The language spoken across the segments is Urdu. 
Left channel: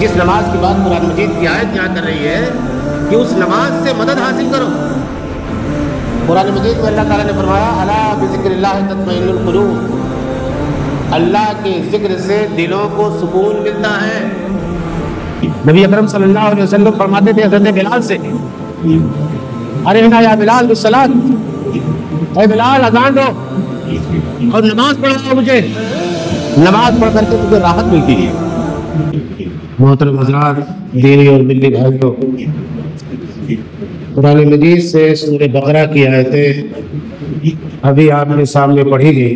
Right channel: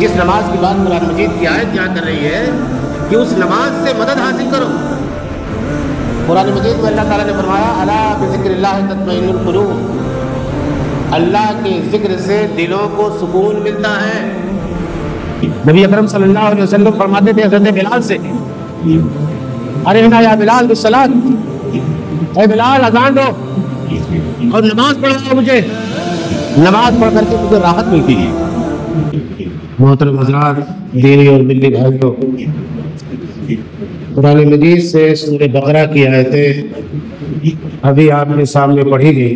جس نماز کی بات قرآن مجید کی آیت یہاں کر رہی ہے کہ اس نماز سے مدد حاصل کرو. قرآن مجید میں اللہ تعالیٰ نے فرمایا الا بذکر اللہ تطمئن القلوب، اللہ کے ذکر سے دلوں کو سکون ملتا ہے. نبی اکرم صلی اللہ علیہ وسلم فرماتے تھے حضرت بلال سے، ارحنا یا بلال بالصلاۃ، اے بلال اذان دو اور نماز پڑھاؤ، مجھے نماز پڑھ کر کے مجھے راحت ملتی ہے. محترم حضرات، دینی اور ملی بھائیوں، قرآن مجید سے سورہ بقرہ کی آیتیں ابھی آپ کے سامنے پڑھی گئی.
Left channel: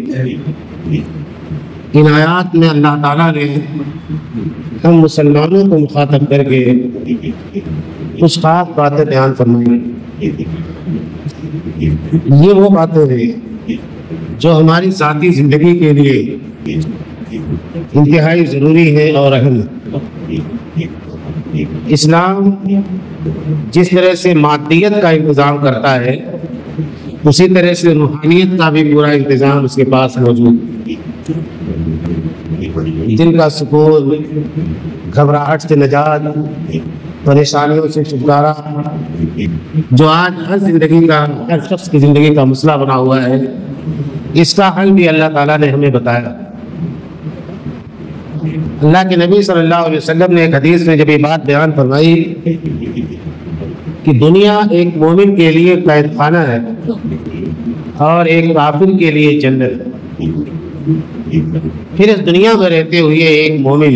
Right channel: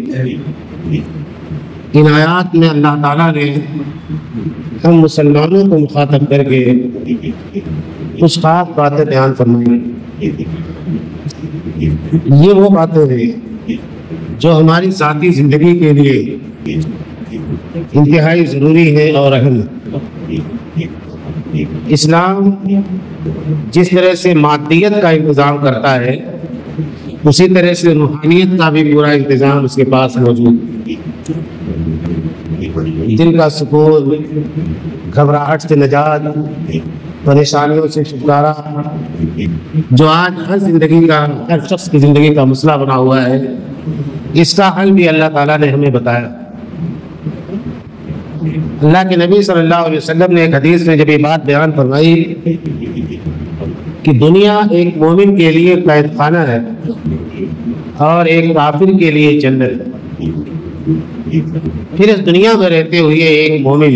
ان آیات میں اللہ تعالیٰ نے ہم مسلمانوں کو مخاطب کر کے کچھ خاص باتیں بیان فرمائی. یہ وہ باتیں ہیں جو ہماری ذاتی زندگی کے لیے انتہائی ضروری ہے اور اہم ہے. اسلام جس طرح سے مادیت کا انتظام کرتا ہے، اسی طرح سے روحانیت کا بھی پورا انتظام اس کے پاس موجود ہے. دل کا سکون، گھبراہٹ سے نجات، پریشانیوں سے چھٹکارا، جو آج ہر شخص کی زندگی کا مسئلہ بنا ہوا ہے، اس کا حل بھی اللہ تعالیٰ نے ہمیں بتایا. اللہ کے نبی صلی اللہ علیہ وسلم نے ایک حدیث میں جب یہ بات بیان فرمائی کہ دنیا ایک مومن کے لیے قید خانہ ہے اور ایک کافر کے لیے جنت، پھر اس دنیا میں رہتے ہوئے ایک مومن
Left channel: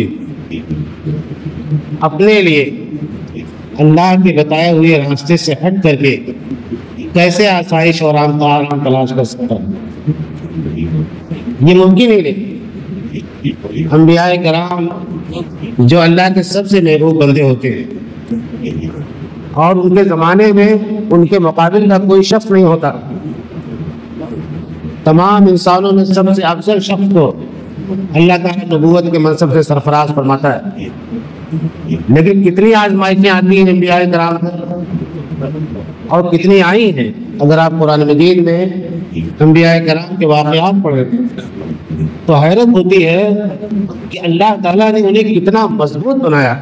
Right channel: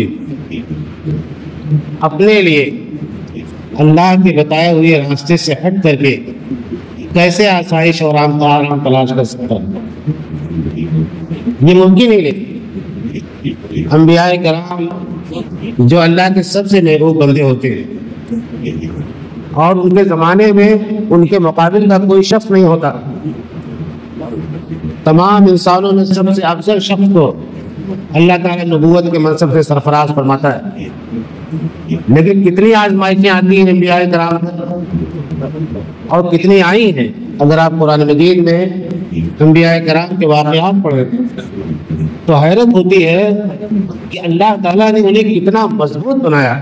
اپنے لیے اللہ کے بتائے ہوئے راستے سے ہٹ کر کے کیسے آسائش اور آرام تلاش کر سکتا ہے. یہ ممکن ہی نہیں. انبیاء کرام جو اللہ کے سب سے محبوب بندے ہوتے ہیں اور ان کے زمانے میں ان کے مقابل کا کوئی شخص نہیں ہوتا، تمام انسانوں میں سب سے افضل شخص کو اللہ تعالیٰ نبوت کے منصب سے سرفراز فرماتا ہے. لیکن کتنی آزمائشیں آتی ہیں انبیاء کرام اور کتنی آئی ہیں. اگر آپ قرآن مجید میں انبیاء کرام کے واقعات پڑھیں تو حیرت ہوتی ہے کہ اللہ تعالیٰ نے انہیں کتنا مضبوط بنایا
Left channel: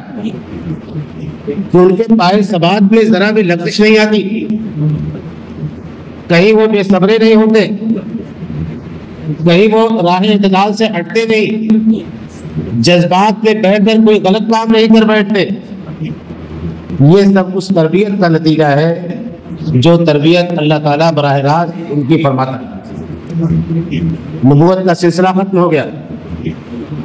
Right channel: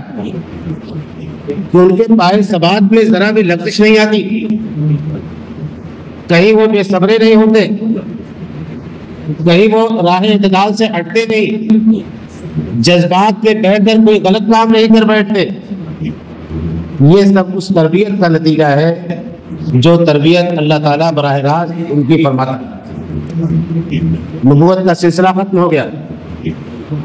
کہ ان کے پائے ثبات میں ذرا بھی لغزش نہیں آتی، کہیں وہ بے صبرے نہیں ہوتے، کہیں وہ راہ اعتدال سے ہٹتے نہیں، جذبات پہ بیٹھ کر کوئی غلط کام نہیں کر بیٹھتے. یہ سب اس تربیت کا نتیجہ ہے جو تربیت اللہ تعالیٰ براہ راست ان کی فرماتا ہے. نبوت کا سلسلہ ختم ہو گیا.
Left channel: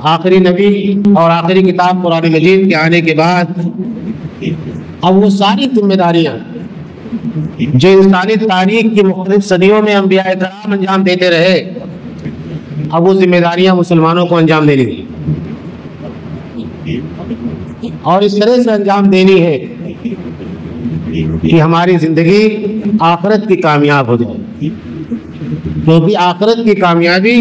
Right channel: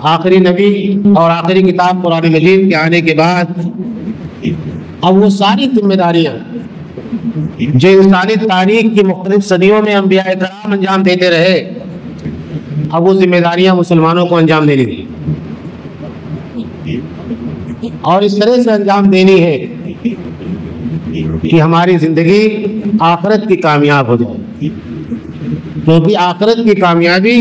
آخری نبی اور آخری کتاب قرآن مجید کے آنے کے بعد اب وہ ساری ذمہ داریاں جو انسانی تاریخ کی مختلف صدیوں میں انبیاء کرام انجام دیتے رہے، اب وہ ذمہ داریاں مسلمانوں کو انجام دینی تھی اور اس طرح سے انجام دینی ہے کہ ہماری زندگی آخرت کی کامیاب ہو جائے، کیونکہ آخرت کی کامیابی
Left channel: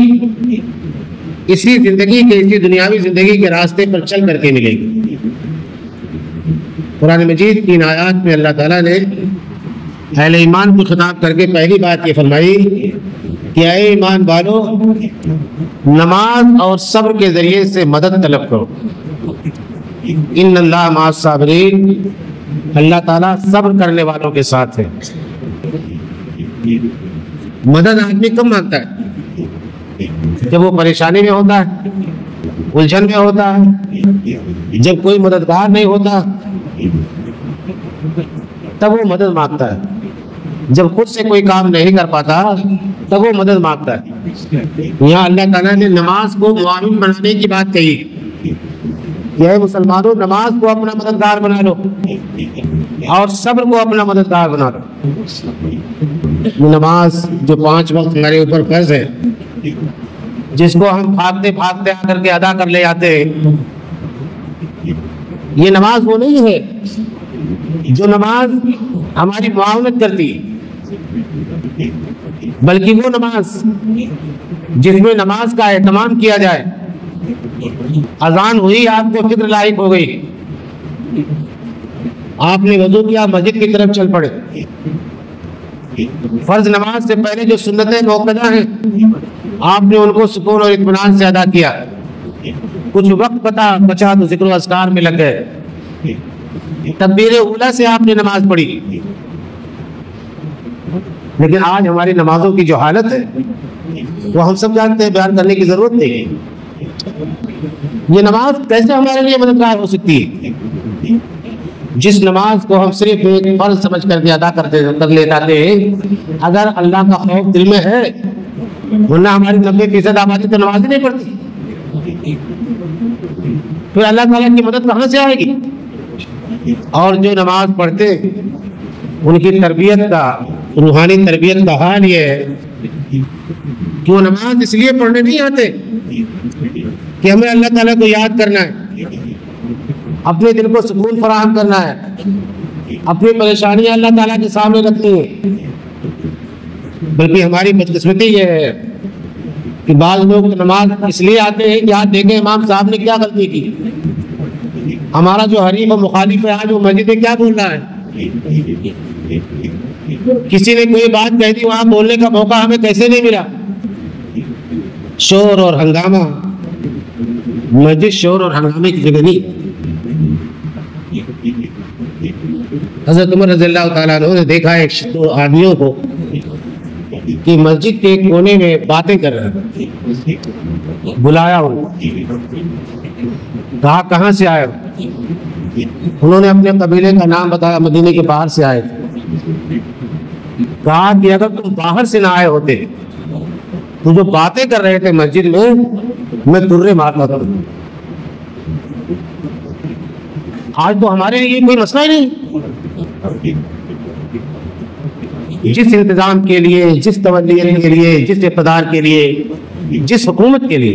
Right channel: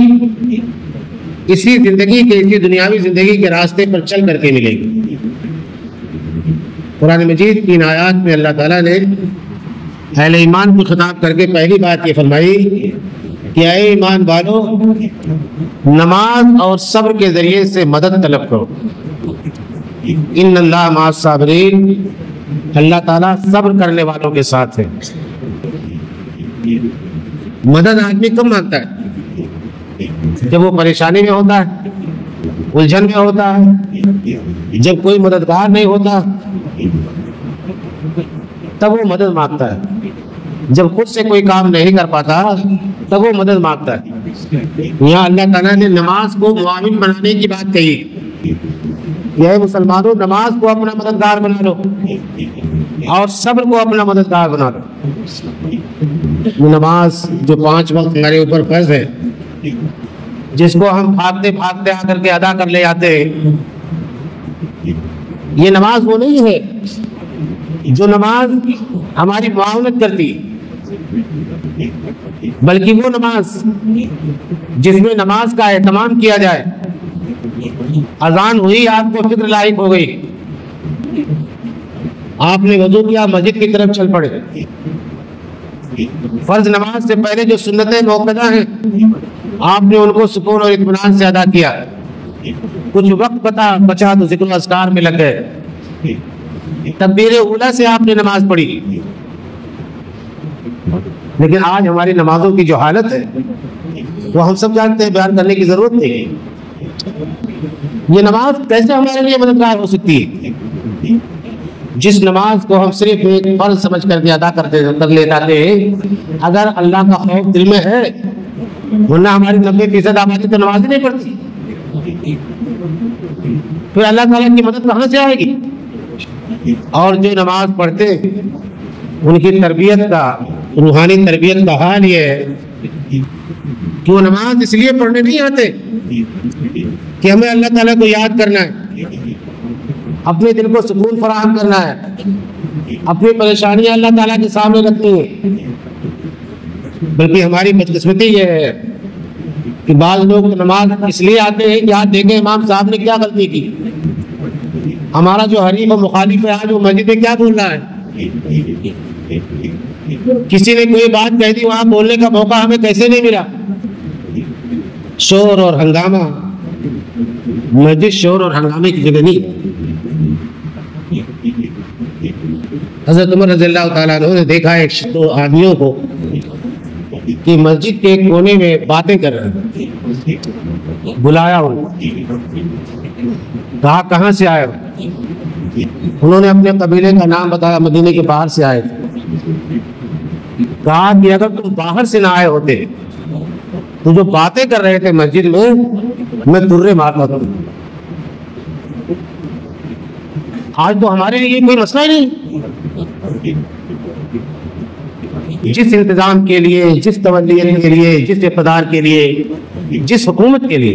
اسی زندگی کی دنیاوی زندگی کے راستے پر چل کر کے ملے گی. قرآن مجید کی آیات میں اللہ تعالیٰ نے اہل ایمان کو خطاب کر کے پہلی بات یہ فرمائی کہ اے ایمان والو، نماز اور صبر کے ذریعے سے مدد طلب کرو. ان اللہ مع الصابرین، اللہ تعالیٰ صبر کرنے والوں کے ساتھ ہے. مدد آدمی کب مانگتا ہے؟ جب وہ پریشانی میں ہوتا ہے، الجھن میں ہوتا ہے، جب کوئی مددگار نہیں ہوتا تب وہ مدد مانگتا ہے. جب خود سے کوئی کام نہیں کر پاتا تب وہ مدد مانگتا ہے. یہاں اللہ تعالیٰ نے نماز کو معاون بنانے کی بات کہی کہ اے مسلمانوں، نماز کو اپنا مددگار بنا لو اور صبر کو اپنا مددگار بنا لو. نماز جو 5 وقت ہمارے اوپر فرض ہے، جس کو ہم بھاگتے بھاگتے آ کر کے ادا کر لے آتے ہیں، یہ نماز وہ نہیں ہے جو نماز ہماری معاونت کرتی، بلکہ وہ نماز جس میں نماز کا اہتمام کیا جائے۔ اذان ہوئی، آپ کو فکر لاحق ہو گئی، آپ نے وضو کیا، مسجد کی طرف چل پڑے۔ فرض نماز سے پہلے جو سنتیں موقدہ ہیں آپ نے ان کو سکون اور اطمینان سے ادا کیا۔ کچھ وقت بچا تو ذکر و اذکار میں لگ گئے، تکبیر اولیٰ سے آپ نے نماز پڑھی۔ لیکن آج ہماری نمازوں کی جو حالت ہے وہ ہم سب جانتے ہیں، بیان کرنے کی ضرورت نہیں۔ یہ نماز کیسے ہمارے لیے مددگار ہو سکتی ہے؟ جس نماز کو ہم صرف ایک فرض سمجھ کر کے ادا کر لیتے ہیں، اگر اللہ کا خوف دل میں ہے، ورنہ ہماری 90% آبادی تو نماز ہی نہیں پڑھتی، پھر اللہ تعالیٰ کی مدد کہاں سے آئے گی؟ اور جو نماز پڑھتے ان کی تربیت کا، روحانی تربیت کا حال یہ ہے کہ وہ نماز اس لیے پڑھنے نہیں آتے کہ ہمیں اللہ تعالیٰ کو یاد کرنا ہے، اپنے دل کو سکون فراہم کرنا ہے، اپنی پریشانیاں اللہ تعالیٰ کے سامنے رکھنی ہے، بلکہ ہماری بدقسمتی یہ ہے کہ بعض لوگ نماز اس لیے آتے ہیں کہ آپ دیکھیں امام صاحب نے کیا غلطی کی، ہمارا جو حریف و مخالف ہے آج وہ مسجد میں کیا بول رہا ہے، کسی نے کوئی بات کہہ دی وہاں بولنے کا موقع ہمیں کیسے نہیں ملا۔ شور اور ہنگامہ، مسجد شور اور ہنگامے کی جگہ نہیں۔ حضرت عمر رضی اللہ تعالیٰ عنہ نے دیکھا ہے دو آدمیوں کو کہ مسجد کے کونے میں باتیں کر رہے ہیں، بلایا کہا کہاں سے آئے ہو؟ انہوں نے اپنے قبیلے کا نام بتایا، مدینے کے باہر سے آئے تھے۔ کہا کہ اگر تم باہر سے نہ آئے ہوتے تو جو باتیں کر رہے تھے مسجد میں درے مارنا تھا۔ آج تو ہمارے لیے کوئی مسئلہ نہیں، جس انتظام کے لیے، جس تولیت کے لیے، جس اقتدار کے لیے، جس حکومت کے لیے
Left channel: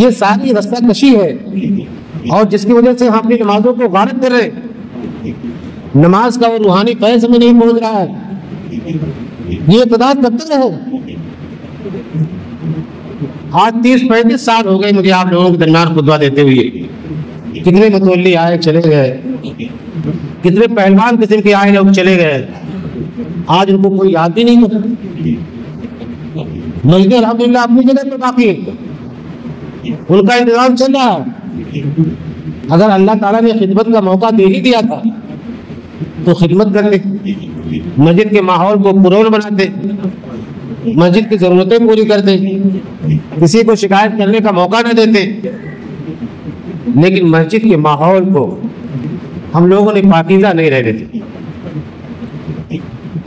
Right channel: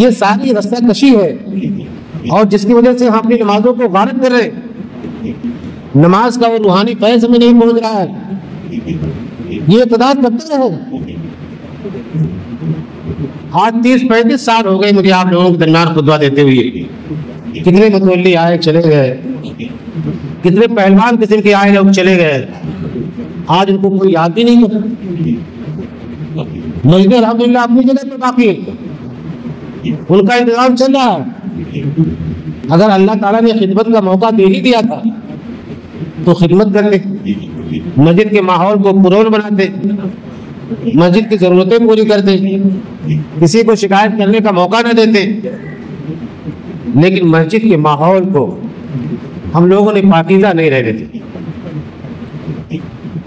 یہ ساری رستہ کشی ہے، اور جس کی وجہ سے ہم اپنی نمازوں کو غارت کر رہے ہیں، نماز کا وہ روحانی فیض میں نہیں پہنچ رہا ہے، یہ اقتدار کب تک رہے؟ آج 30-35 سال ہو گئے مجھے آپ لوگوں کے درمیان خطبہ دیتے ہوئے، کتنے متولی آئے چلے گئے، کتنے پہلوان قسم کے آئے لوگ چلے گئے، آج ان کو کوئی یاد بھی نہیں ہوتا۔ مسجد الحمدللہ اپنی جگہ پہ باقی ہے، ان کا انتظام چل رہا ہے۔ اگر اللہ تعالیٰ نے خدمت کا موقع دے ہی دیا تھا تو خدمت کرتے، مسجد کے ماحول کو پرامن بناتے، مسجد کی ضرورتیں پوری کرتے، کسی کو شکایت کرنے کا موقع نہ دیتے۔ لیکن مسجد کے ماحول کو ہم لوگوں نے پاکیزہ نہیں رہ دیتے۔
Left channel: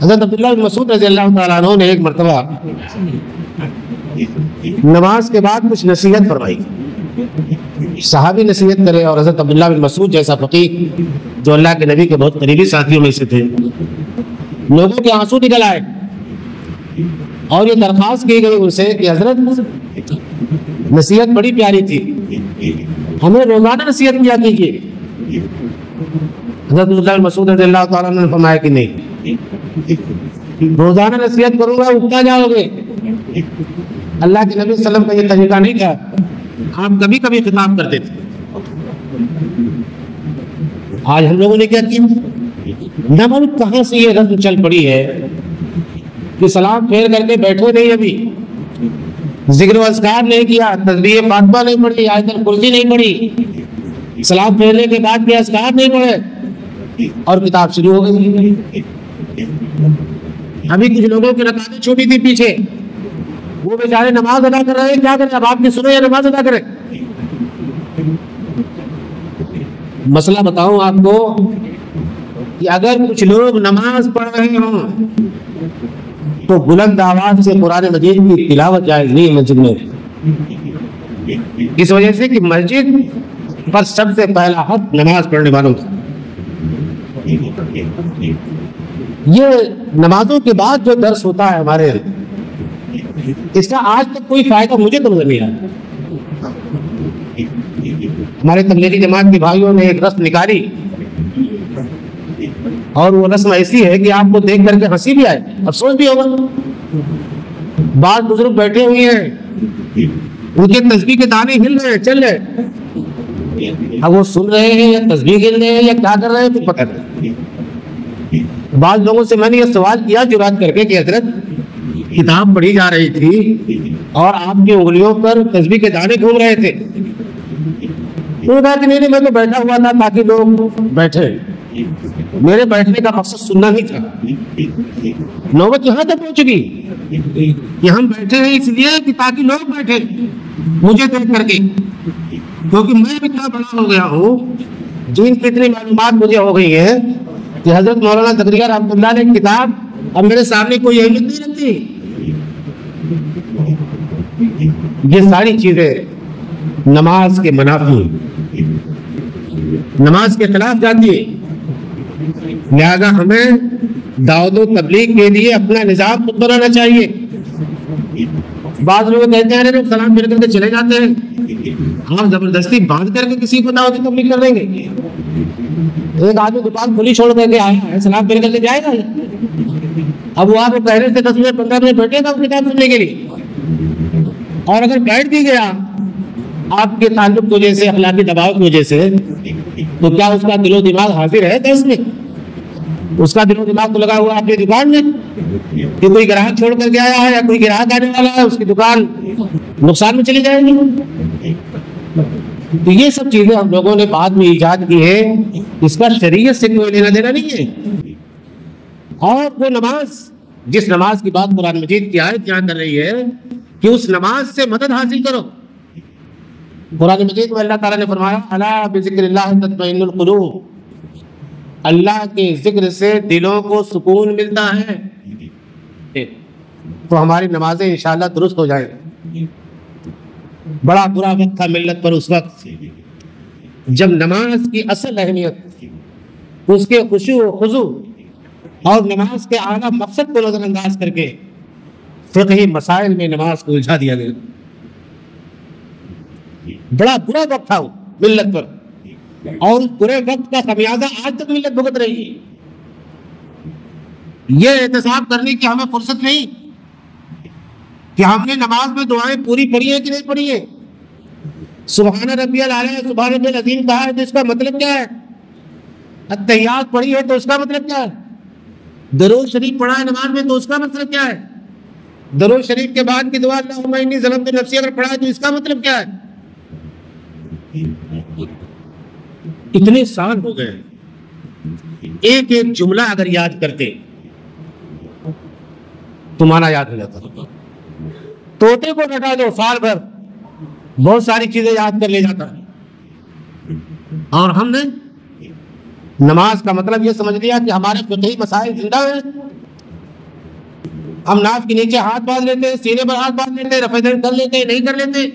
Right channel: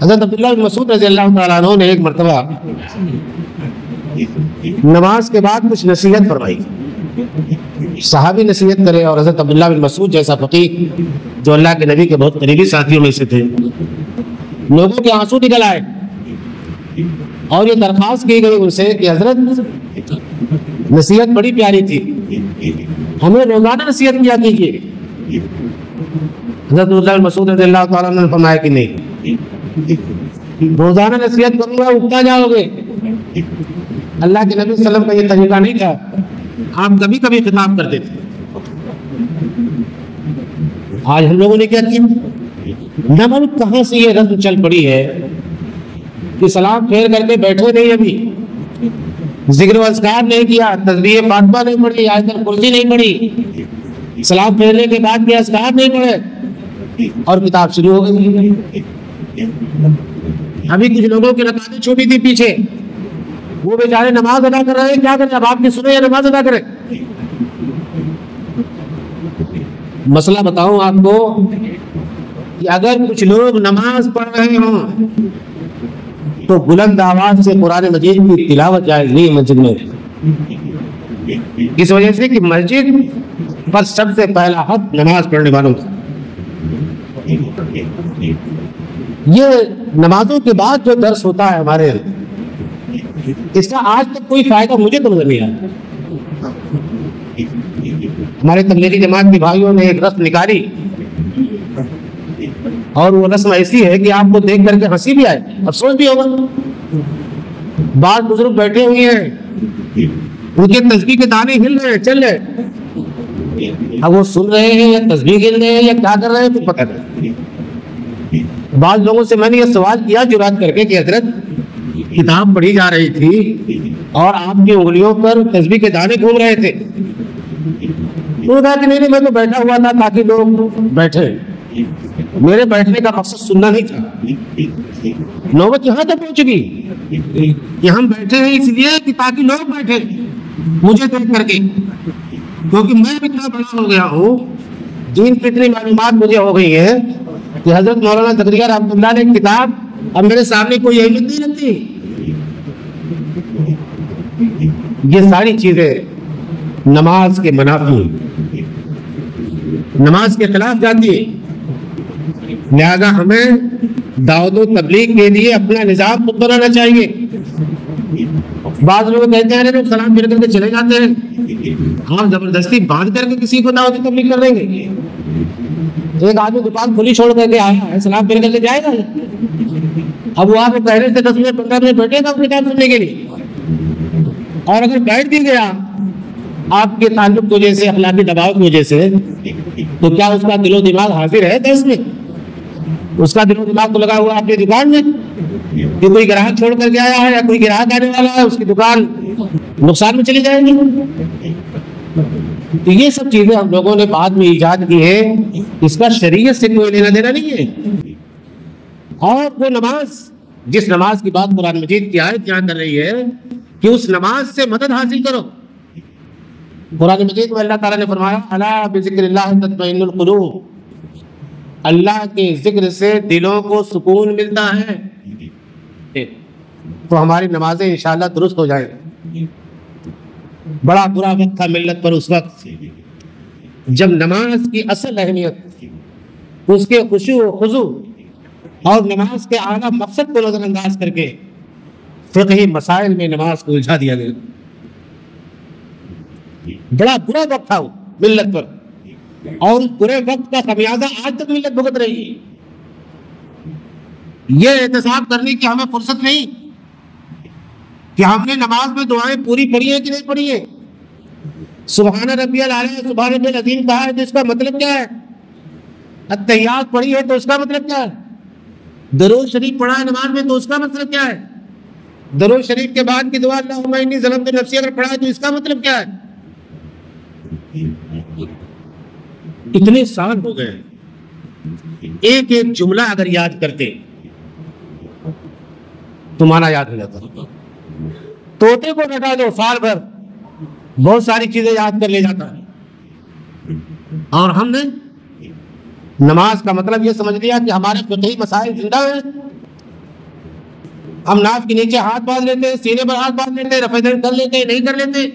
حضرت عبداللہ بن مسعود رضی اللہ تعالیٰ عنہ نے ایک مرتبہ نماز کے بعد کچھ نصیحت فرمائی، صحابی نصیحت کرے، اور حضرت عبداللہ بن مسعود جیسا فقیہ جو اللہ کے نبی کے بہت قریبی ساتھیوں میں سے تھے، لوگوں کے آنسو نکل آئے اور یہ درخواست کی گئی ان سے کہ حضرت نصیحت بڑی پیاری تھی، ہمیں روزانہ نصیحت کیا کیجیے۔ حضرت عبداللہ بن مسعود رضی اللہ تعالیٰ نے فرمایا کہ نہیں، روزانہ نصیحت کروں گا اٹھتا جاؤ گے، اللہ کے نبی صلی اللہ علیہ وسلم کا یہ طریقہ نہیں تھا، آپ کبھی کبھی خطاب کرتے تھے۔ آج ہم لوگوں نے کیا کیا، نہ معلوم کہاں سے یہ رسم چل پڑی ہے کہ سلام پھیر کر کے بیٹھے نہیں، ابھی ذکر و اذکار نہیں کیا، تسبیح فاطمہ نہیں پڑھی، آیت الکرسی نہیں پڑھی، سلام پھیرنے کے بعد کے اذکار نہیں پڑھے اور کتاب شروع ہو گئی۔ ابھی کچھ لوگوں کی رکعتیں چھوٹی تھی پیچھے، وہ بیچارے نماز ادا کر رہے ہیں، کیا کریں، اب آپ کی سنیں یا نماز ادا کریں؟ مسئلہ بتاؤں آپ کو کہ اگر کچھ لوگ نماز پڑھ رہے ہوں تو بلند آواز سے قرآن مجید کی تلاوت جائز نہیں مسجد میں، اس وجہ سے کہ مسجد پر سب سے پہلا حق نماز پڑھنے والوں کا۔ یہ نمازوں کے بعد جو درس ہوتا ہے ہمارے، اس کا آج تک کوئی فائدہ مجھے تو نظر نہیں آیا۔ ہمارے تبلیغی جماعت کے بھائیوں نے ایک رسم نکالی اور وہ رسم ایسی ہے کہ آپ کو دیکھ کر کے ہنسی بھی آئے، افسوس بھی ہوگا۔ بعض بزرگ بیٹھے ہوئے ہیں، ان کے تسبیح کے دانے ہل رہے ہیں، چل رہے، اب وہ سن رہے ہیں یا تسبیح ہل رہے ہیں یا کیا کر رہے ہیں تو پتہ نہیں۔ بعض لوگوں سے میں نے یہ سوال کیا جرات کر کے کہ حضرت کتاب پڑھی جا رہی تھی اور آپ کی انگلیوں پر تسبیح کے دانے گھوم رہے تھے، تو کہا کہ نہیں میں تو بیٹھا ہوا تھا تاکہ لوگ بیٹھے، میرے بیٹھنے کا مقصد سننا نہیں تھا۔ نوبت یہاں تک پہنچ گئی کہ ہم بیٹھے ہیں اس لیے کہ تاکہ لوگ بیٹھے مجھے دیکھ کر کے، کیونکہ میں اتنا بڑا ہو گیا ہوں، دین کی اتنی معلومات مجھے ہو گئی ہیں کہ حضرت مولانا زکریا رحمۃ اللہ نے کتاب اب میرے سامنے کوئی اہمیت نہیں رکھتی۔ یہ ساری چیزیں نماز کے منافی، نماز کے خلاف جاتی ہے، لہذا ہمیں دعوت و تبلیغ کے لیے اپنا نظام خود بنانا چاہیے۔ بعض لوگ کہتے ہیں لوگ سلام پھیر کر کے چلے جاتے ہیں، آپ زبردستی باندھ کر کے کسی کو دعوت و تبلیغ کر دیں گے؟ ایک آدمی دکان کھلی چھوڑ کر کے آیا ہے، سلام پھیر کر کے جائے گا؟ اب وہ آپ پہلے سے 10 منٹ 15 منٹ بیٹھے گا اپنی کام کرنے کے لیے، اور اگر بیٹھ بھی گیا آپ کے تعلق کی وجہ سے، اخلاقی دباؤ کی وجہ سے، تو کیا اس کا دل و دماغ حاضر ہے؟ اس میں اس کا دل و دماغ تو لگا ہوا آپ کی دکان میں، کہ کوئی گراہک چھوڑ کر کے آیا ہے یا کوئی گراہک آنے والا ہے، اس کی دکان نقصان میں چلی جائے گی۔ تو یہ سب چیزیں ہم لوگوں نے بعد میں ایجاد کی ہے، اس کا شریعت سے کوئی لینا دینا نہیں ہے۔ اور وہ نماز، جس نماز کی بات قرآن مجید کی آیت یہاں کر رہی ہے کہ اس نماز سے مدد حاصل کرو۔ قرآن مجید میں اللہ تعالیٰ نے فرمایا الا بذکر اللہ تطمئن القلوب، اللہ کے ذکر سے دلوں کو سکون ملتا ہے، تو ہماری نمازیں انشاءاللہ درست ہو جائیں۔ بڑا برا وقت تھا ملت پر اس وقت جب نماز کی اصل اہمیت، اس کے خشوع و خضوع اور نماز کے اعلیٰ مقصد کو نظر انداز کر کے فقہی مسائل میں نماز کو الجھا دیا گیا۔ بڑا برا وقت تھا وہ ملت پر، اور اس برے وقت کا خمیازہ آج تک ملت بھگت رہی ہے۔ یہ احتساب کرنے کی ہمیں فرصت نہیں کہ ہم نے نماز میں دعائیں پوری پڑھی ہیں کہ نہیں پڑھی ہیں۔ سبحان ربی الاعلیٰ، سبحان ربی العظیم کہا ہے تو اس کا مطلب کیا ہے؟ التحیات پڑھی ہے تو اس کا مطلب کیا ہے؟ درود شریف پڑھا ہے نماز میں تو اس کا مطلب کیا ہے؟ درود شریف کے بعد کی دعا اللہم انی ظلمت نفسی اگر پڑھا ہے تو اس کا مطلب کیا ہے؟ اتنے سال ہو گئے، ایک ایک جملہ اگر یاد کرتے تو مانا یاد ہو جاتا۔ طوطے کو بیٹھا دو سال بھر بہت ساری چیزیں یاد کر لے جاتا ہے، اور ہم نے نماز کا مطلب یہ سمجھ لیا کہ ہمارے فقہی مسائل زندہ ہیں، ہم ناف کے نیچے ہاتھ باندھ لیتے، سینے پر ہاتھ باندھ لیتے، رفع دین کر لیتے نہیں کر لیتے،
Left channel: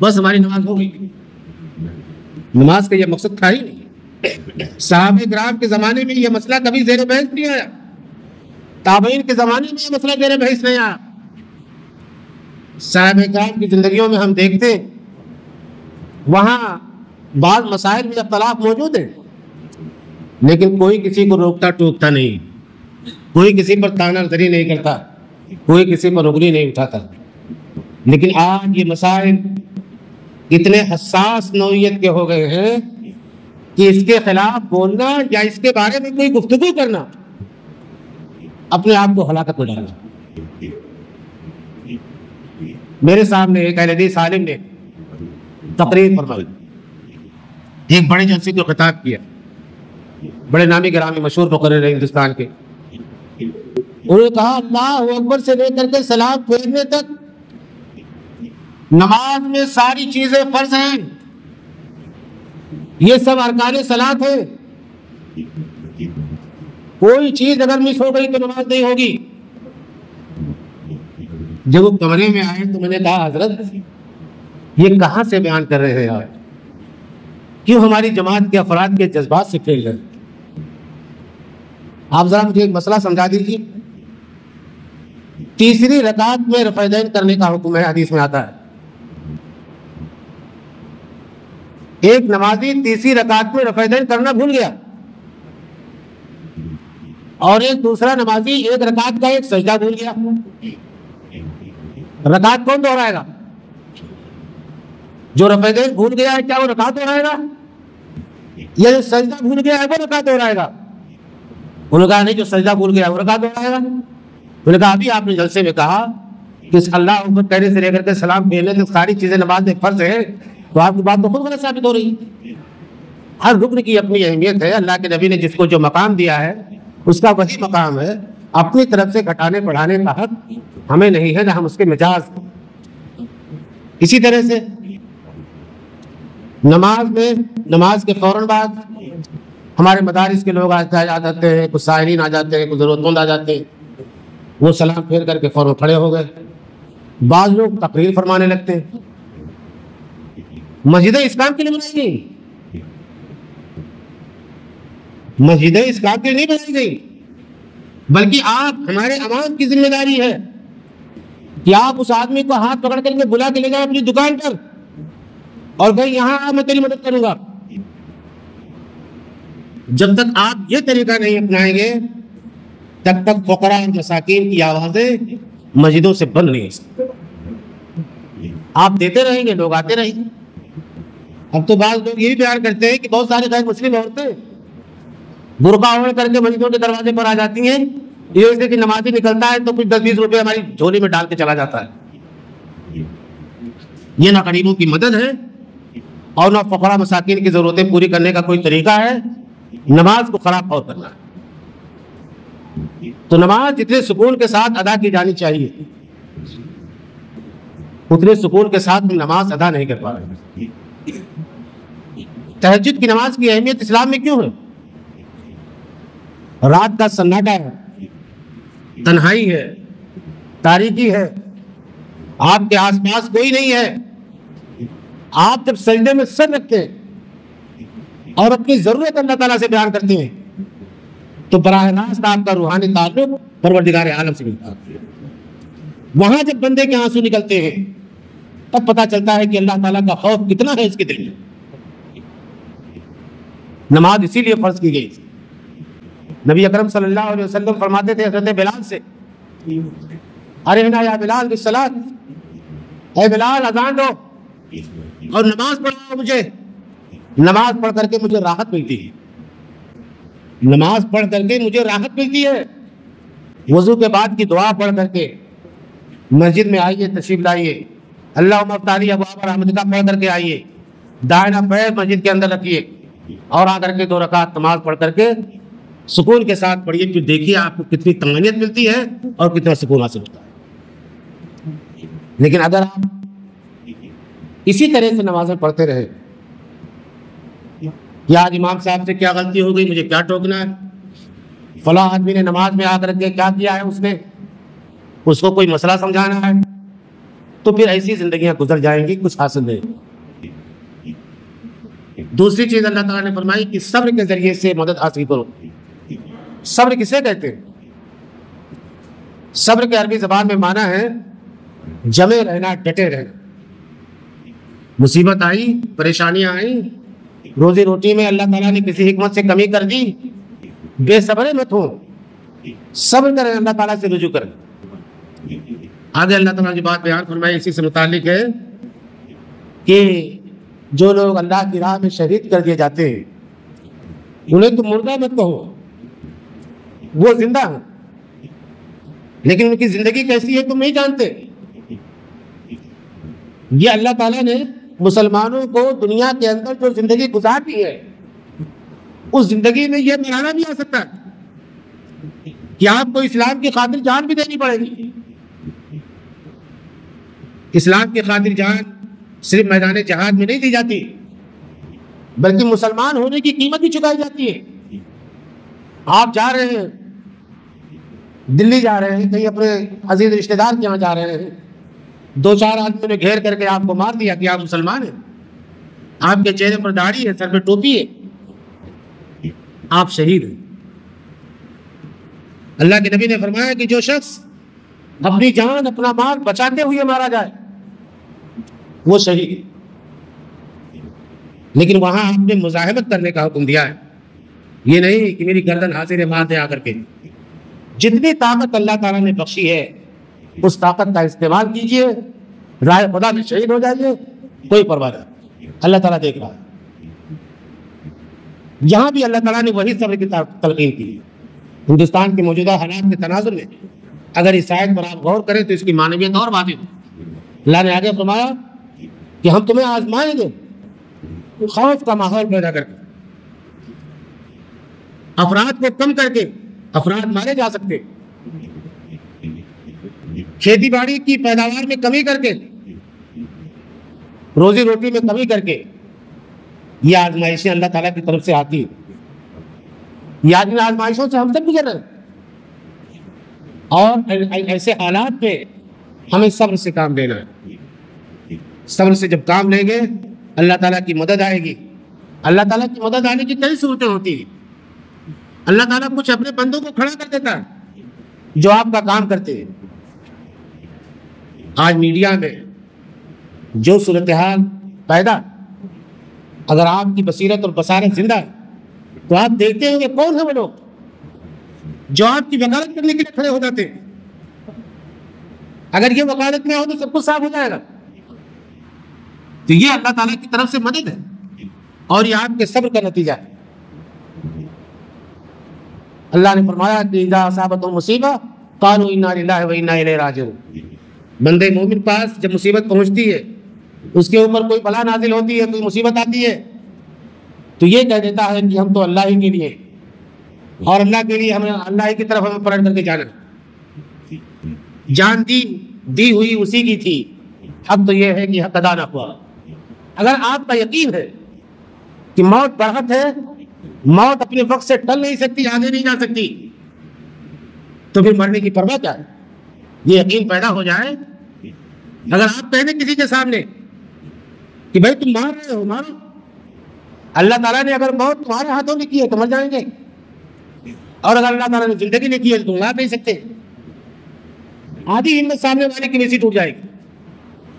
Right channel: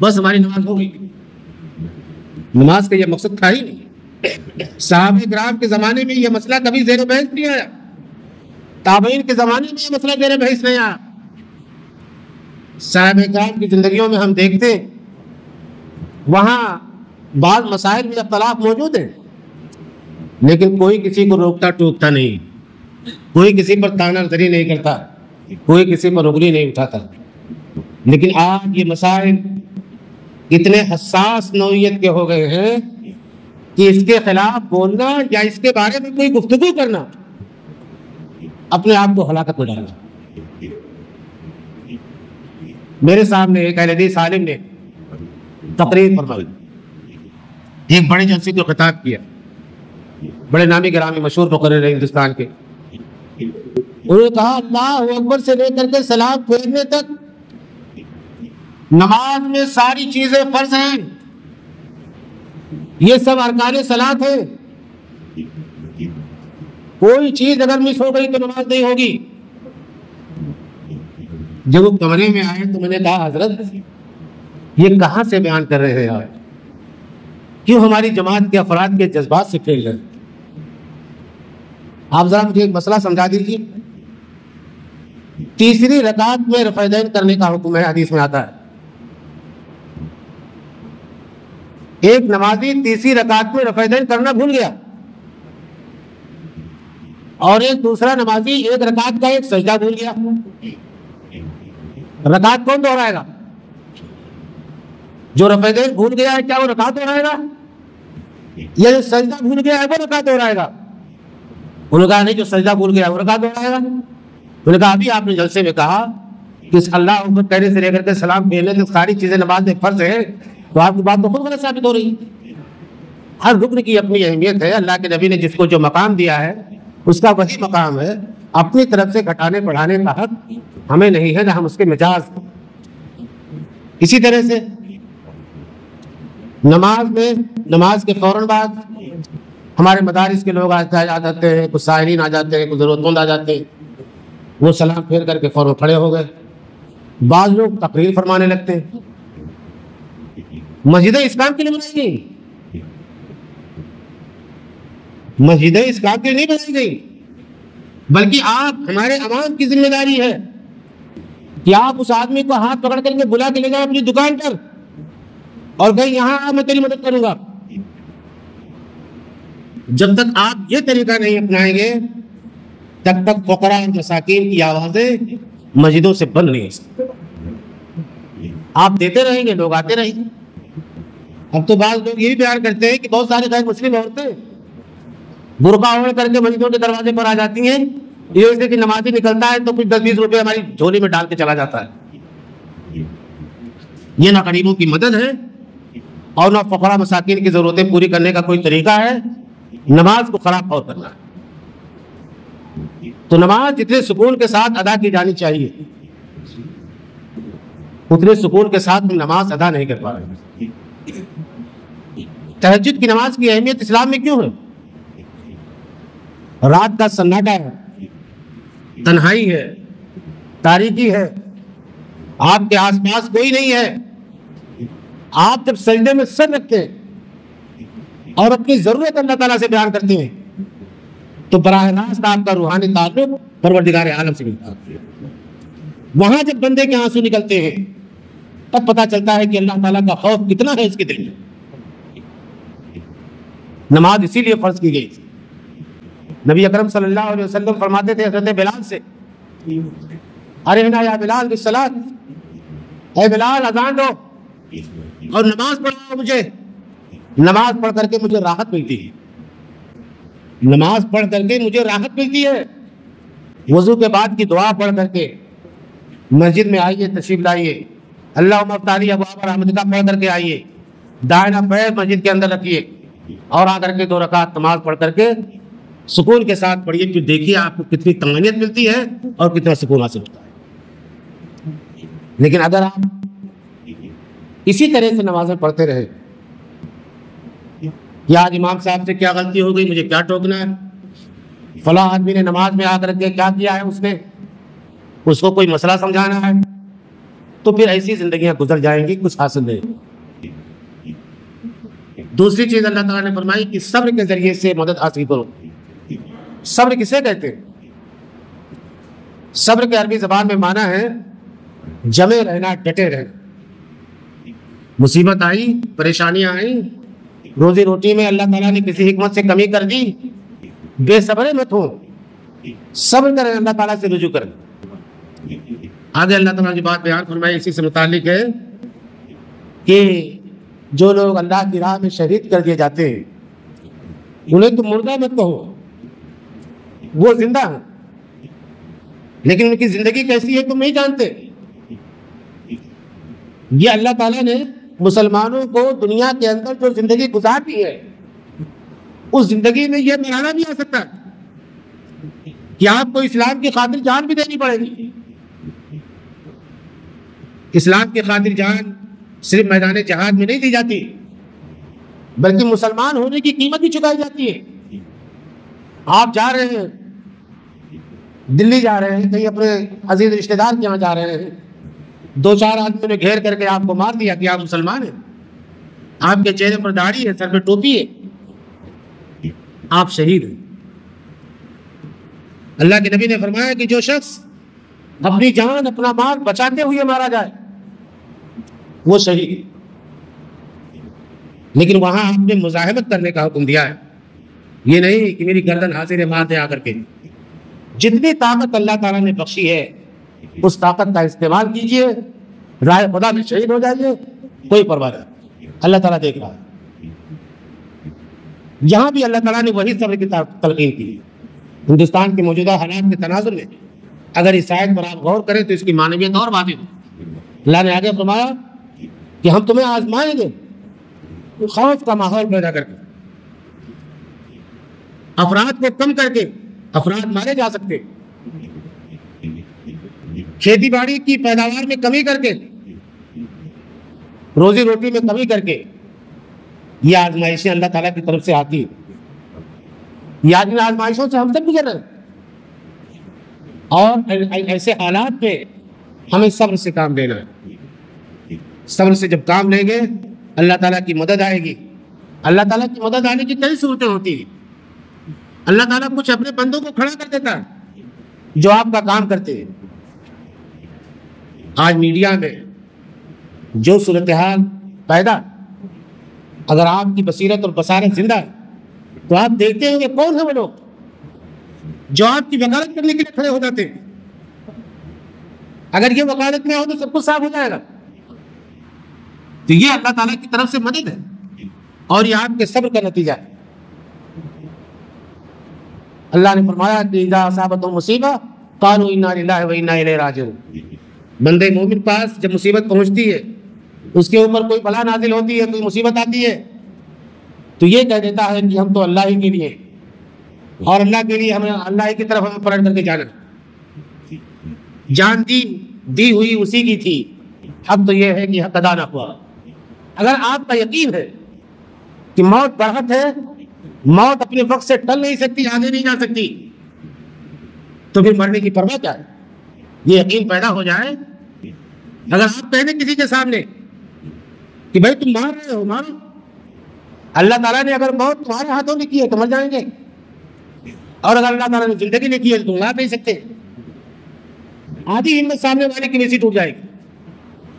بس ہماری نماز ہو گئی۔ نماز کا یہ مقصد تھا ہی نہیں۔ صحابہ کرام کے زمانے میں یہ مسئلہ کبھی زیر بحث نہیں آیا، تابعین کے زمانے میں یہ مسئلہ زیر بحث نہیں آیا۔ صحابہ کرام کی زندگیوں میں ہم دیکھتے وہاں بعض مسائل میں اختلاف موجود ہے، لیکن کوئی کسی کو روکتا ٹوکتا نہیں، کوئی کسی پر تانا زری نہیں کرتا، کوئی کسی پر انگلی نہیں اٹھاتا۔ لیکن آج یہ مسائل اتنے حساس نوعیت کے ہو گئے ہیں کہ اس کے خلاف بولنا یا اس کے بارے میں کوئی گفتگو کرنا اپنے آپ کو ہلاکت میں ڈالنا۔ میرے سامنے ایک اہل حدیث عالم نے تقریر فرمائی، ایک بڑے جلسے کو خطاب کیا، بڑے نامی گرامی مشہور مقرر ہندوستان کے، انہوں نے کہا اللہ اکبر سے لے کر کے سلام پھیرنے تک نماز میں ساری چیزیں فرض ہیں، یہ سب ارکان صلاۃ ہیں، کوئی چیز اگر مس ہو گئی تو نماز نہیں ہوگی۔ جب وہ کمرے میں آئے تو میں نے کہا حضرت یہ کہاں سے بیان کر رہے ہیں آپ؟ کیوں ہماری جماعت کے افراد کے جذبات سے کھیل رہے؟ آپ ذرا مجھے ایک مسئلہ سمجھا دیجیے۔ تیسری رکعت میں رفع دین کرنے کا حکم ہے، حدیث میں آتا ہے، ایک نمازی تیسری رکعت میں رفع کرنا بھول گیا، اور ایک دوسرا نمازی ایک رکعت کا ایک سجدہ بھول گیا، رکعت کون دوہرائے گا؟ جو رفع بھول گیا ہے کیا وہ رکعت دوہرائے گا؟ یا جو سجدہ بھول گیا ہے وہ رکعت دوہرائے گا؟ انہوں نے کہا نہیں، جو سجدہ بھول گیا وہ رکعت دوہرائے گا۔ انہوں نے کہا ابھی آپ نے جلسے میں کہا کہ اللہ اکبر کہنے سے لے کر کے سلام پھیرنے کی ساری چیزیں نماز میں فرض ہیں، تو آپ کی بات تو خود غلط ثابت ہو رہی ہے۔ ہر رکن کی اپنی اہمیت ہے، اللہ کے نبی نے جس کو جو مقام دیا ہے اس کا وہی مقام ہے، اپنی طرف سے گھٹانے بڑھانے کا حق ہمیں نہیں ہے، نہ ہم اس کے مجاز۔ اسی طرح سے نماز کے فوراً بعد ہمارے مدارس کے لوگ آ جاتے ہیں، کچھ سائلین آ جاتے ہیں، کچھ ضرورت مند آ جاتے ہیں، وہ سلام پھیر کر کے فوراً کھڑے ہو گئے۔ بعض لوگ تقریر فرمانے لگتے ہیں۔ مسجدیں اسلام کے لیے بنائی گئی، مسجدیں اسلام کے لیے نہیں بنائی گئی، بلکہ آپ ہمارے عوام کی ذمہ داری ہے کہ آپ اس آدمی کو ہاتھ پکڑ کر کے بلا کے لے جائیں اپنی دکان پر اور کہیں یہاں آ میں تیری مدد کروں گا۔ جب تک آپ یہ طریقہ نہیں اپنائیں گے تب تک فقراء اور مساکین کی آوازیں مسجدوں سے بند نہیں ہو سکتی۔ آپ دیتے رہیں گے، لوگ آتے رہیں گے۔ اب تو بعض لوگ یہ بھی بیان کرتے ہیں کہ بہت سارے غیر مسلم عورتیں برقع اوڑھ کر کے مسجدوں کے دروازے پر آ جاتی ہیں، یہ وجہ کہ نمازی نکلتا ہے تو کچھ 10-20 روپے ہماری جھولی میں ڈال کے چلا جاتا ہے۔ یہ نہ غریبوں کی مدد ہے اور نہ فقراء مساکین کی ضرورتیں پوری کرنے کا کوئی طریقہ ہے، نماز کو خراب اور کرنا ہے۔ تو نماز جتنے سکون کے ساتھ ادا کی جانی چاہیے اتنے سکون کے ساتھ ہم نماز ادا نہیں کر پا رہے۔ تہجد کی نماز کی اہمیت اسلام میں کیوں ہے؟ رات کا سناٹا ہے، تنہائی ہے، تاریکی ہے، آپ کے آس پاس کوئی نہیں ہے، آپ جب سجدے میں سر رکھتے اور اپنی ضرورت اللہ تعالیٰ سے بیان کرتے ہیں تو براہ راست آپ کا روحانی تعلق پروردگار عالم سے ملتا ہے۔ وہاں جب بندے کے آنسو نکلتے ہیں تب پتہ چلتا ہے کہ اللہ تعالیٰ کا خوف کتنا ہے اس کے دل میں۔ نماز اسی لیے فرض کی گئی۔ نبی اکرم صلی اللہ علیہ وسلم فرماتے تھے حضرت بلال سے، ارحنا یا بلال بالصلاۃ، اے بلال اذان دو اور نماز پڑھاؤ مجھے، نماز پڑھ کر کے مجھے راحت ملتی ہے، نماز پڑھ کر کے مجھے راحت ملتی ہے۔ وضو کے بعد کی دعا پڑھ کر کے مسجد میں آئیے، تشریف لائیے، اللہم افتح لی ابواب رحمتک پڑھ کر کے آئیے، دائنا پیر مسجد کے اندر رکھیے اور آ کر کے 2 رکعت نماز پڑھ کر کے سکون کے ساتھ پڑھیے، تو دیکھیے آپ کو کتنی طمانینت ملتی ہے اور کتنا سکون حاصل ہوتا ہے۔ لیکن اگر آپ اسی طرح سے نمازیں پڑھتے رہے کہ آج امام صاحب سے کیا غلطی ہو گئی، مجھے کیا ٹوکنا ہے، فلاں آدمی نے نماز میں آ کر کے کیا کیا ہے، اس کو کوئی مسئلہ سمجھانا ہے، تو پھر ایسی زندگیاں گزر جائیں گی، کچھ حاصل نہیں۔ دوسری چیز اللہ تعالیٰ نے فرمائی کہ صبر کے ذریعے سے مدد حاصل کرو۔ صبر کسے کہتے ہیں؟ صبر کے عربی زبان میں معنی ہے جمے رہنا، ڈٹے رہنا۔ مصیبت آئی، پریشانیاں آئیں، روزی روٹی میں اللہ تعالیٰ نے کسی حکمت سے کمی کر دی، بے صبرے مت ہو، صبر کریں، اللہ تعالیٰ سے رجوع کریں۔ آگے اللہ تعالیٰ کی بات بیان فرمائی اسی سے متعلق ہے کہ جو لوگ اللہ کی راہ میں شہید کر دیے جاتے ہیں انہیں تو مردہ مت کہو، وہ زندہ ہیں، لیکن ان کی زندگی کیسی ہے تم نہیں جانتے۔ یہ اللہ تعالیٰ نے مسلمانوں کو دنیا کے اندر جو زندگی گزارتی ہے اس زندگی میں یہ مرحلہ بھی آ سکتا ہے کہ آپ کو اسلام کی خاطر جان بھی دینی پڑے گی۔ اسلام کی خاطر جان صرف میدان جہاد میں نہیں دی جاتی بلکہ مسلمان ہونے کی قیمت بھی چکائی جاتی ہے۔ آپ جا رہے ہیں، دلی جا رہے ہیں، کہیں اپنے عزیز رشتہ دار کے یہاں جا رہے ہیں، 2-4 آدمیوں نے گھیر کر کے آپ کو مار دیا کہ آپ مسلمان ہیں، آپ کے چہرے پر داڑھی ہے، سر پہ ٹوپی ہے، آپ شہید ہیں۔ اللہ کے نبی نے فرمایا کہ جو شخص اپنی جان اپنا مال بچاتے ہوئے مارا جائے وہ شہید۔ لیکن وہاں آپ نے مزاحمت کرنے کا حکم دیا ہے، یہ نہیں کہ میری گردن حاضر بات ہے آ کر کے۔ جتنی طاقت اللہ تعالیٰ نے بخشی ہے اس طاقت کا استعمال کیجئے، راہ خدا میں شہید ہو جائیے، کوئی پرواہ نہیں، اللہ تعالیٰ دیکھ رہا ہے۔ یہاں بھی اللہ تعالیٰ نے وہی صبر کی تلقین کی۔ ہندوستان کے موجودہ حالات کے تناظر میں اگر اس آیت پر آپ غور کریں تو اس کی معنویت اور واضح ہے۔ اللہ نے آگے فرمایا کہ ہم تمہیں آزمائیں گے خوف کا ماحول پیدا کر کے، افراد کو کم کر کے، افراد مارے جا سکتے، کھیتی باڑی کی پیداوار میں کمی کر کے، روزی روٹی میں کمی کر کے، یہ آزمائشیں اللہ تعالیٰ کی طرف سے آتی ہیں۔ یہ آزمائشوں سے ہم سب گزر رہے ہیں، اور ایسے حالات میں ہمیں صبر سے کام لینا ہے۔ صبر سے جب کام لیں گے اللہ تعالیٰ کی مدد آئے گی۔ اللہ تعالیٰ کی مدد آنے کی کئی صورتیں ہوتی ہیں۔ اللہ تعالیٰ کچھ اپنے بندوں کو کھڑا کر دیتا ہے جو آپ کا کام کرتے ہیں۔ آج میڈیا میں جو صورتحال پیدا، اگر آپ کی بصیرت اور بصارت زندہ ہے تو آپ دیکھتے ہیں کہ کون ہے وہ لوگ جو آپ کی وکالت کرنے کے لیے کھڑے ہو جاتے ہیں۔ اگر یہ وکالت نہ ہو تو سب کچھ صاف ہو جائے گا۔ تو یہ اللہ تعالیٰ کی طرف سے مدد ہے اور یہ آپ کے صبر کا نتیجہ ہے۔ اللہ نے فرمایا کہ اذا اصابتهم مصیبہ قالوا انا للہ وانا الیہ راجعون۔ بندے مومن پاس جب مصیبت پہنچتی ہے، اس کے اوپر کوئی بلا نازل ہوتی ہے، کوئی مصیبت آتی ہے، تو یہ کہہ دیتا ہے کہ ہم تو اللہ ہی کے لیے اور اللہ کے لیے ہمیں اللہ ہی کی طرف ہمیں پلٹ کر کے جانا۔ جان دی ہوئی اسی کی تھی، اب تو یہ ہے کہ حق ادا نہ ہوا۔ اگر آپ کا یقین ہے کہ موت برحق ہے، موت اپنے وقت سے ٹل نہیں سکتی، آگے نہیں جا سکتی، تو پھر مرنے کی پرواہ کیا ہے؟ یہ یقین پیدا ہو جائے۔ اگر آپ کہہ دیں کسی کے سامنے کہ بھائی تم مار رہے ہو، مارو، اللہ تعالیٰ نے اگر موت تمہارے ہاتھوں میں کی ہے تو مر جائیں گے، اور اگر اللہ تعالیٰ نے زندگی میں کی ہے تو تم مار نہیں سکتے۔ آدھی ہمت سامنے والے کی ویسی ٹوٹ جائے گی،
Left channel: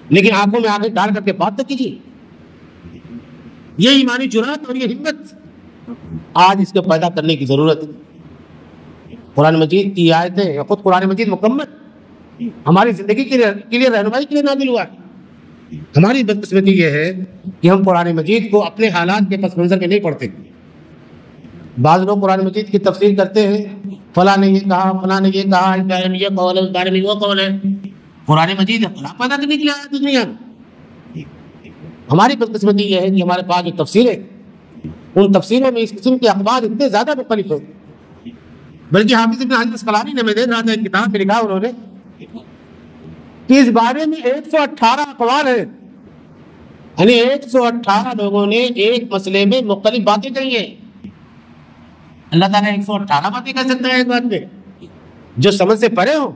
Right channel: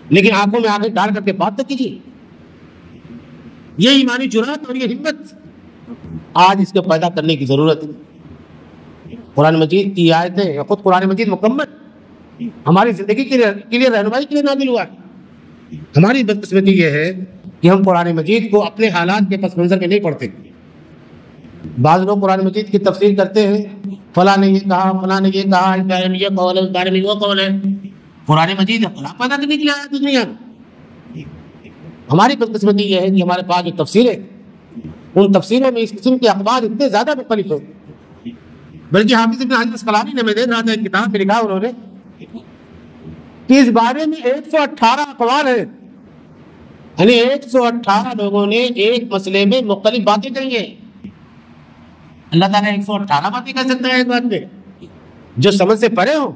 لیکن آنکھوں میں آنکھیں ڈال کر کے بات تک کیجیے۔ یہ ایمانی جرات اور یہ ہمت آج اس کو پیدا کرنے کی ضرورت ہے۔ قرآن مجید کی آیتیں یا خود قرآن مجید مکمل ہماری زندگی کے لیے رہنمائی کے لیے نازل ہوا ہے۔ ہماری بدقسمتی یہ ہے کہ ہم قرآن مجید کو اپنے حالات کے پس منظر میں نہیں پڑھتے۔ بعض لوگ قرآن مجید کی تفسیر کرتے ہیں، فلاں نے یہ کہا، فلاں نے یہ کہا، اس بارے میں یہ قول ہے، اس بارے میں وہ قول ہے۔ قرآن مجید اختلاف پیدا کرنے کی آیت نہیں ہے۔ ہماری بدقسمتی یہ ہے کہ ہمارے پاس جو تفسیریں، ان تفسیروں میں اس قسم کے اخبار اتنے زیادہ مختلف ہیں، بلکہ حافظ ابن حجر اسقلانی نے، میں دیکھ رہا تھا ایک کتاب میں لکھا انہوں نے کہ اس بارے میں 118 اقوال ہیں، یعنی 118 لوگوں نے ایک مسئلے میں مختلف باتیں کہی ہیں۔ اللہ تعالیٰ 118 باتیں کہہ سکتا ہے ایک بات میں جو سمجھ سے پرے ہوں۔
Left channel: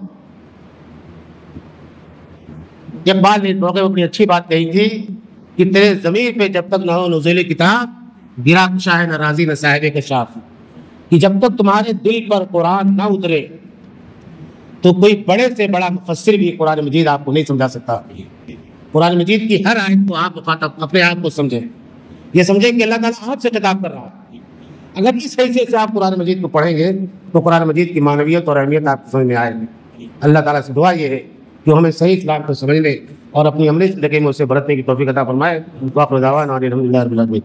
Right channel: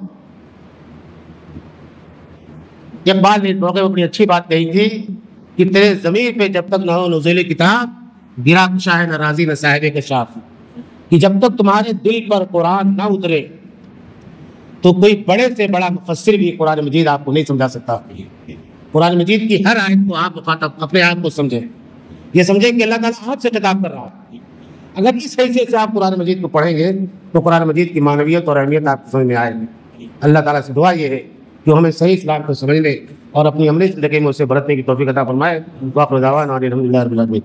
اقبال نے اس موقع میں اپنی اچھی بات کہی تھی کہ تیرے ضمیر پہ جب تک نہ ہو نزول کتاب، گرا شاہ نہ راضی نہ صاحب کشاف، کہ جب تک تمہارے دل پر قرآن نہ اترے تو کوئی بڑے سے بڑا مفسر بھی قرآن مجید آپ کو نہیں سمجھا سکتا۔ قرآن مجید کی ہر آیت کو آپ مخاطب اپنے آپ کو سمجھیں، یہ سمجھیں کہ اللہ تعالیٰ آپ سے کتاب کر رہا ہے۔ اگر اس حیثیت سے آپ قرآن مجید کو پڑھیں گے تو قرآن مجید کی معنویت اور اہمیت آپ کو سمجھ میں آئے گی۔ اللہ تعالیٰ سے دعا یہ ہے کہ ہمیں صحیح اسلام کو سمجھنے اور اپنی عملی زندگی میں اسے برتنے کی توفیق عطا فرمائے۔ وآخر دعوانا ان الحمد للہ رب العالمین۔